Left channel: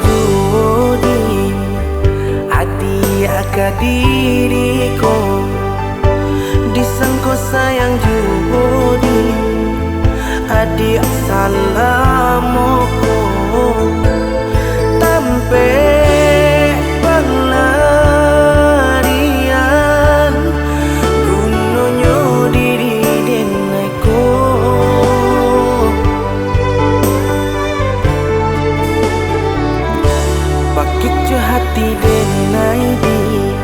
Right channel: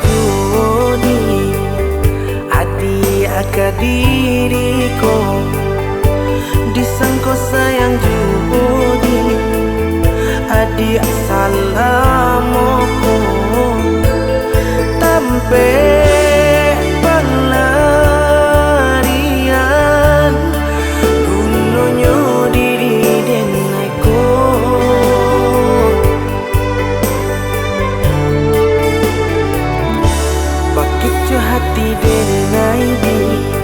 judi adi akadiriko disangko sayang judi adi salamoko tampe pelarian gunonyo diri denaiku bakit hati denai dia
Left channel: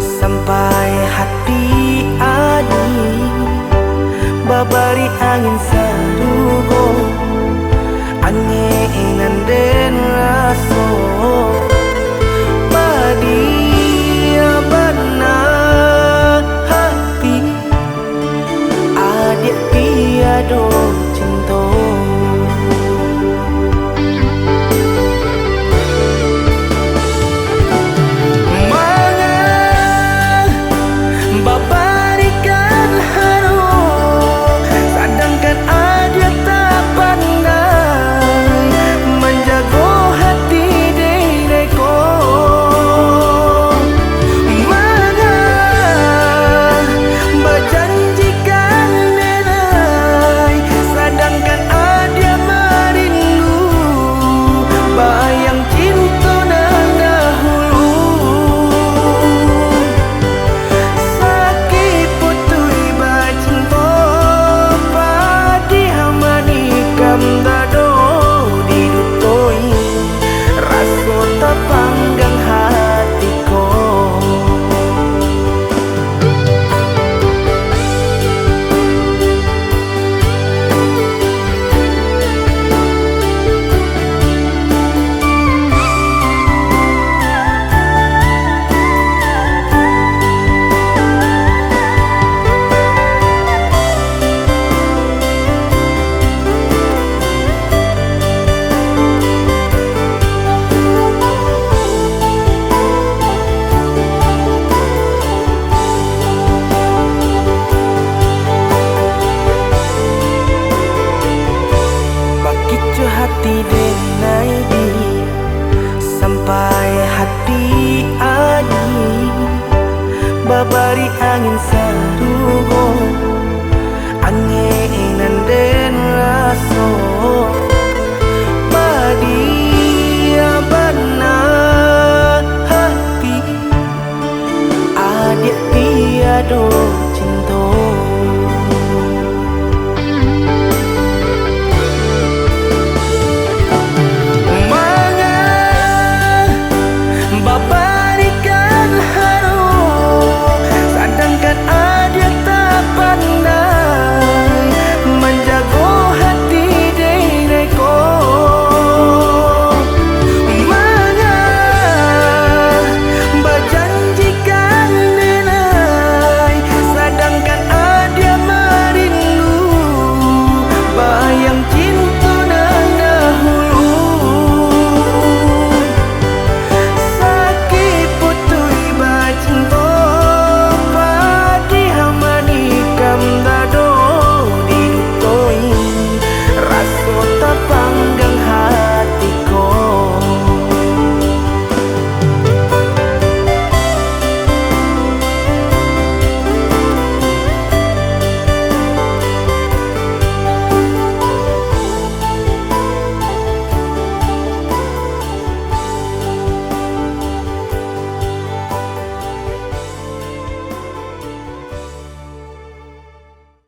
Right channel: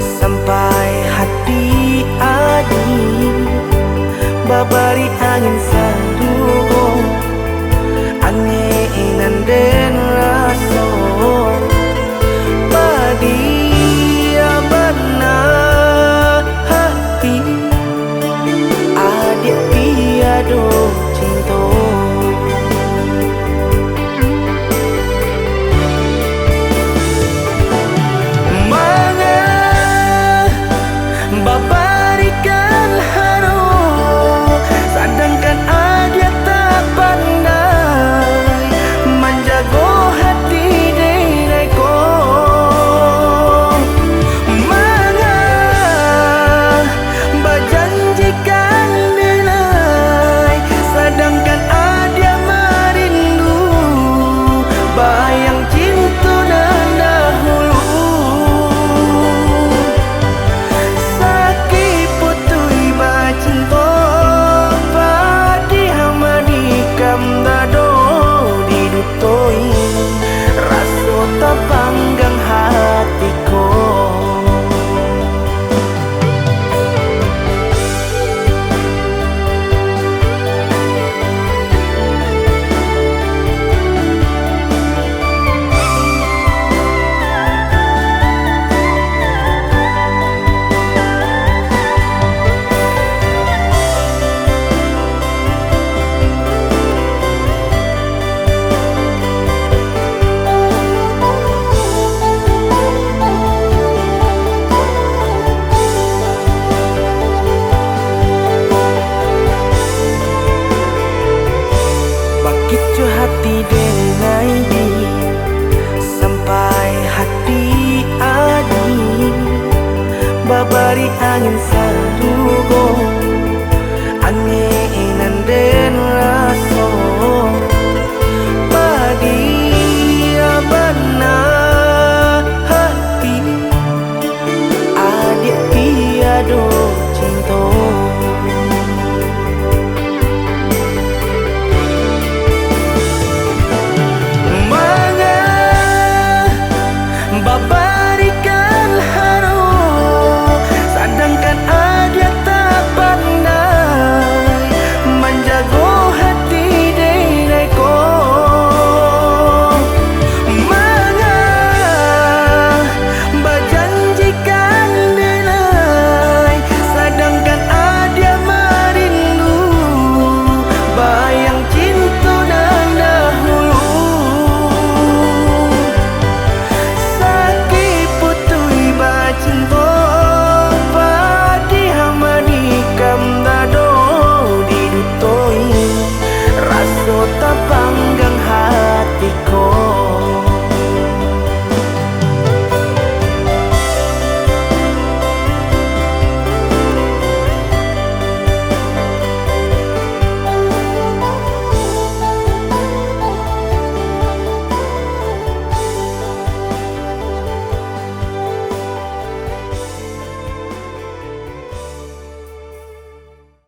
sampai hati adi babari angin sarugo angin den raso padia bana hati adik tiado cinta babarikan haro sedangkan dia tak pandai menjago hati denaiku manga berjanjikan denai sedangkan dia merindu bayang cinta dan dahulu cinta padi hamani kam dado didutoi raso tapanggang hatiku Kicu hati denai dia sampai hati adi babari angin sarugo angin den raso padia bana hati adik tiado cinta babarikan haro sedangkan dia tak pandai menjago hati denaiku manga berjanjikan denai sedangkan dia merindu bayang